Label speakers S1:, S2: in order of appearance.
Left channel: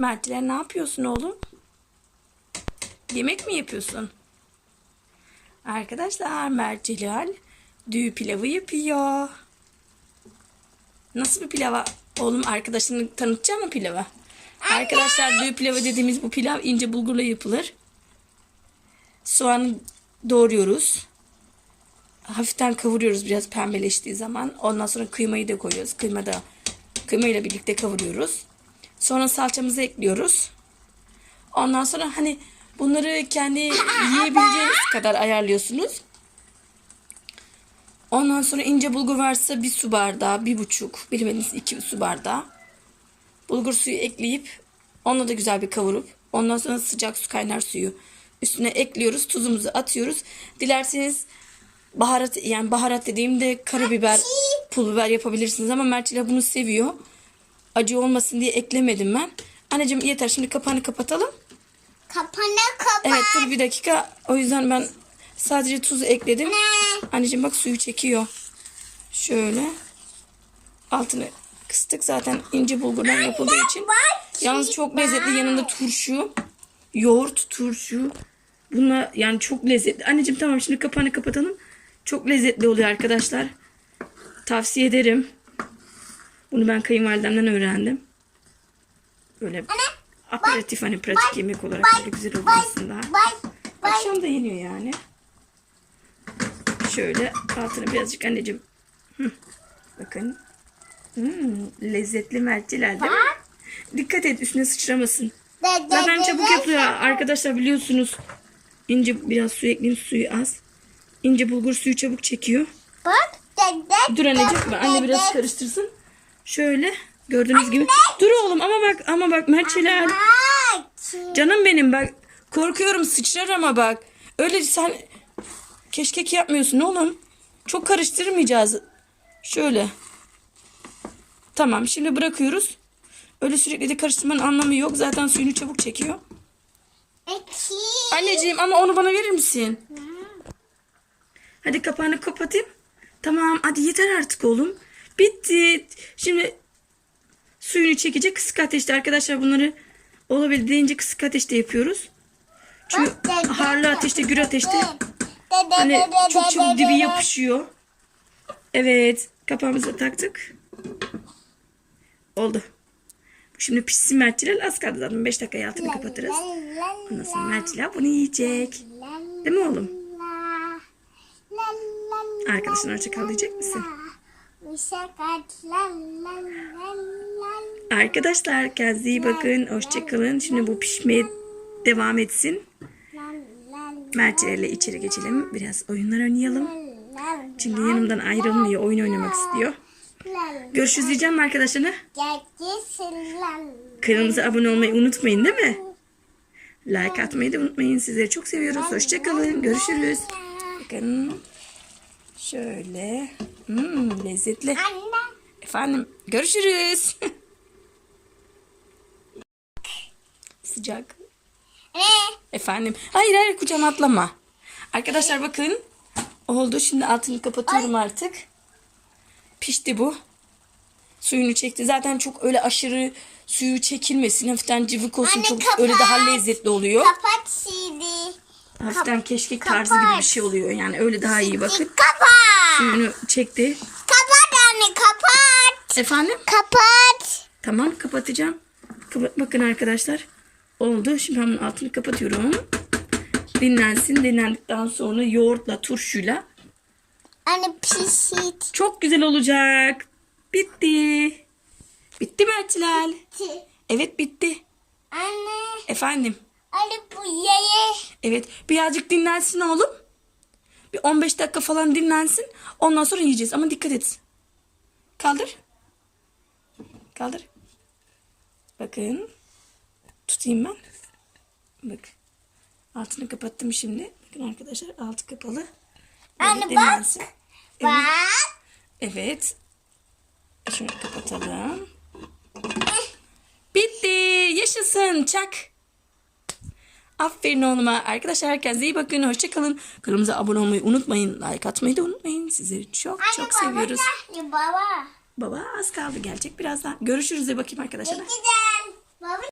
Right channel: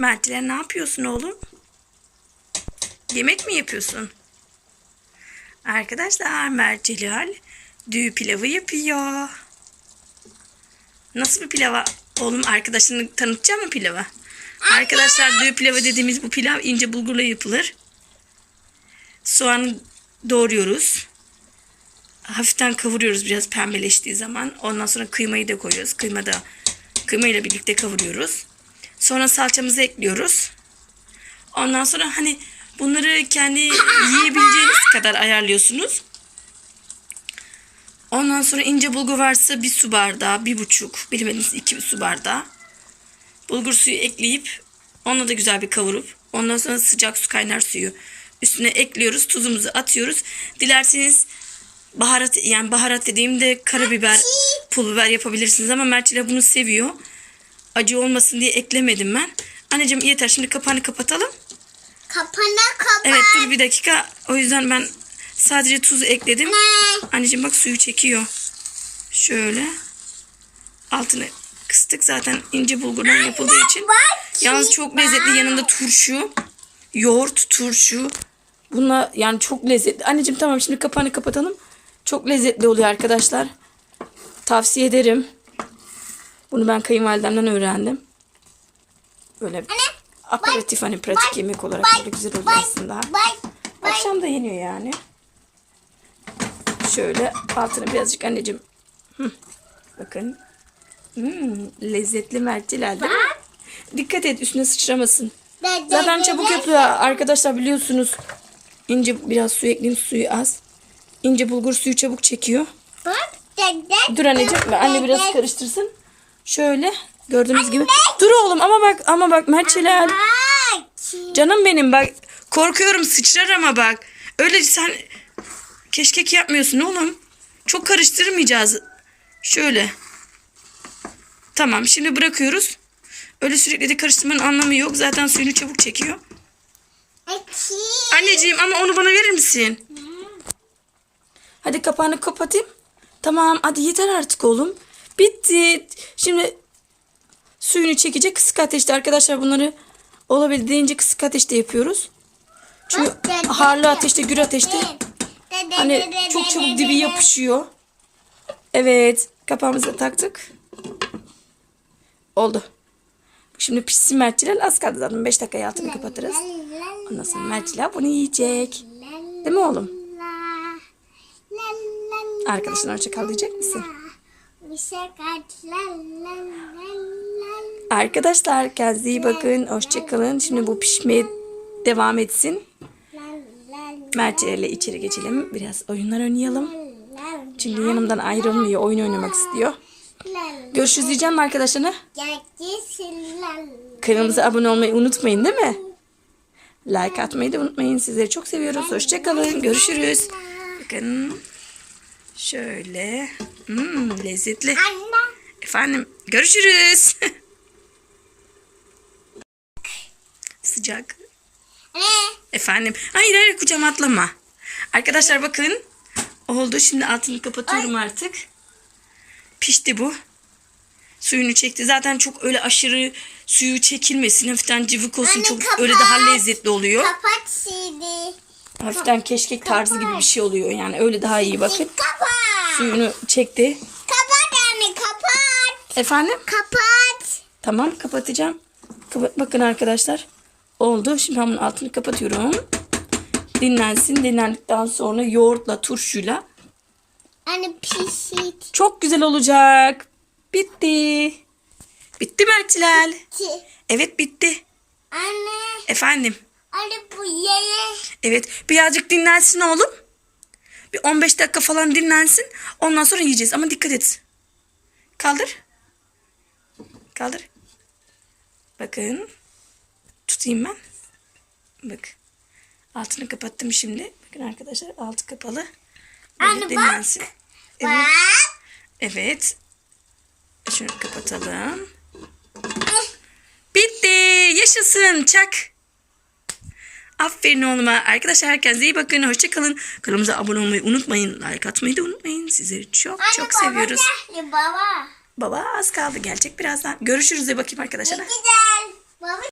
S1: Mertler ne yapıyorsun oğlum? Yemek mi yapıyorsun? Arkadaşlar Mert Celal düğü pilavı yapıyor. Nasıl bir pilava? Oğlum arkadaşını tanıtacağım mı pilava? Arkadaşlar düğü pilavı dediğimiz bu pilav ince bulgurla yapılır. Soğanı doğruyoruz. Hafiften kavuruyoruz biraz pembeleştiği zaman. Ondan sonra kıymayı da koyuyoruz. Kıyma da kıymayla birlikte kavuruyoruz. Sonra salçamızı ekliyoruz. Ondan sonra hani bunları kendi yiyebileceğiniz kadar ayarlıyorsunuz. Ondan sonra ince bulgur varsa bir su bardağı, bir buçuk, bilemediniz iki su bardağı. Bulgur suyu ekleyip onunla da güzel bir kavurup ondan sonra sıcak su kaynar suyu üstüne ekliyoruz. Tuzumuzu atıyoruz. Dilerseniz baharat yani baharat dediğimde karabiber, pul biber yapabilirsiniz ama Mertçile bunu seviyor. Acı olmasın diye eklemedim ben. Anneciğim yeter şimdi kapağını kapatalım.
S2: Kapana kapat.
S1: Evet dur bir dakika. O yüzden ben sadece tuzu ekledim. Anneciğim bak suyu çekiyor. Şöyle. Altını kıstık zaten ince bulgurdan yapıldığı için. Yalnız çok lezzetli yanında turşu. Yoğurt, turşu. Bunlar yani çok lezzetli. Anneciğim tamam şimdi kapağını kapatalım. Çok lezzetli oluyor arkadaşlar. Tavsiye ederim. Bunu ben kayınvalidemden öğrendim. Böyle aperatif hani pratik yemek olarak böyle güzel oluyor aslında. Akşam da yeniyor yani. Şöyle altını birazcık anneciğim. Hı. Bakın. Hmm, lezzetli merciler değil mi? Dikkat et üstüne sıçramasın. Zaten çabuk yapıyor arkadaşlar biliyorsunuz. İnce biraz su ekleyeyim suyu az. İnce bulgur suyu çabuk çekiyor. Dur anneciğim anne biraz karıştırsın. Şöyle gördüğünüz gibi. Dur oğlum ama bak ama bak merciler.
S2: Ay.
S1: Canım benim bak korkuyorum sıçrar ama bak. Öyle sen keşkek yapmıyorsun oğlum. Çok karıştırmayacağız. Şöyle. Tamam şimdi bırakıyoruz. Öyle sürekli de karıştırmanın anlamı yok. Zaten suyunu çabuk çekiyor.
S2: Eki.
S1: Anneciğim ama onu bana verir misin? Hadi kapağını kapatayım. Tamam hadi yeter artık oğlum. Bitti. Şimdi suyunu çekecek kısık ateşte arkadaşlar bunları olabildiğince kısık ateşte yapıyoruz. Çünkü harlı ateşte gür ateşte hani çok çabuk dibi yapışıyor. Evet kapağımızı taktık. Oldu. Şimdi pişsin merciler az kaldı zaten 5 dakikaya altını kapatırız. Ondan sonra merciler bunu yiyecek. Değil mi oğlum? Arkadaşına hoşça kal diyecek misin? Arkadaşlar kendinize iyi bakın. Hoşça kalın. Şimdi bu pişmeye devam etsin. Mertçilerle içeri geçelim. Biraz oyunlar oynayalım. Çünkü yanımdan ayrılmıyor. Oyun oynamak istiyor. Görüşürüz diyeceğim mi arkadaşlarına? Kanalımıza abone olmayı unutmayın değil mi? Like atmayı da unutmayın. Sizleri çok seviyoruz. Hoşça kalın. Görüşürüz. Bakın. Şöyle. Hmm, lezzetli. Efendim görüşürüz. Sıcak. Efendim. Hayır hayır kucağıma atlama. Arkadaşlar bakın. Oldu. Şimdi altını kapatıyorum artık. Pişti bu. Suyunu çekti. Zaten çok öyle aşırı suyu çekilmesin. Hafiften cıvık olsun.
S2: Anne,
S1: çok
S2: kapat.
S1: öyle daha lezzetli oluyor.
S2: Kapat CD.
S1: Hafiften keşkek tarzı gibi bir şey oluyor. Yani öyle daha iyi bakın.
S2: Kapat.
S1: Suyunu çekti.
S2: Kapat anne kapat.
S1: Efendim?
S2: Kapat.
S1: Tamam kapatacağım. Kapa- Bakın arkadaşlar. Oldu. Şimdi ben bunun altını kapatıyorum. Dinlensin. Dinlendikten sonra yoğurtla, turşuyla
S2: Anne pişit.
S1: çok güzel olacak. Bitti. Bitti mi Ertilal? Evet bitti.
S2: Anne.
S1: Efendim.
S2: Anne bu yere.
S1: Evet birazcık dinlensin oğlum. Bir 15 dakika falan dinlensin. Ondan sonra yiyeceğiz ama dikkat et. Kaldır. Kaldır. Bakın. Tutayım ben. Bak. Altını kapattım şimdi. Bakın arkadaşlar altı kapalı. Böyle
S2: Anne bak.
S1: dinlensin. Evet.
S2: Bak.
S1: Evet. Şunu kapatalım. Bitti. Yaşasın. Çak. Aferin oğluma. Arkadaşlar herkese iyi bakın. Hoşçakalın. Kanalımıza abone olmayı unutmayın. Like atmayı da unutmayın. Sizleri çok
S2: Anne,
S1: çok
S2: baba
S1: seviyoruz.
S2: geldi, Baba.
S1: Baba az kaldı. Gelecek birazdan. Görüşürüz de bakayım arkadaşlar.
S2: Güzel.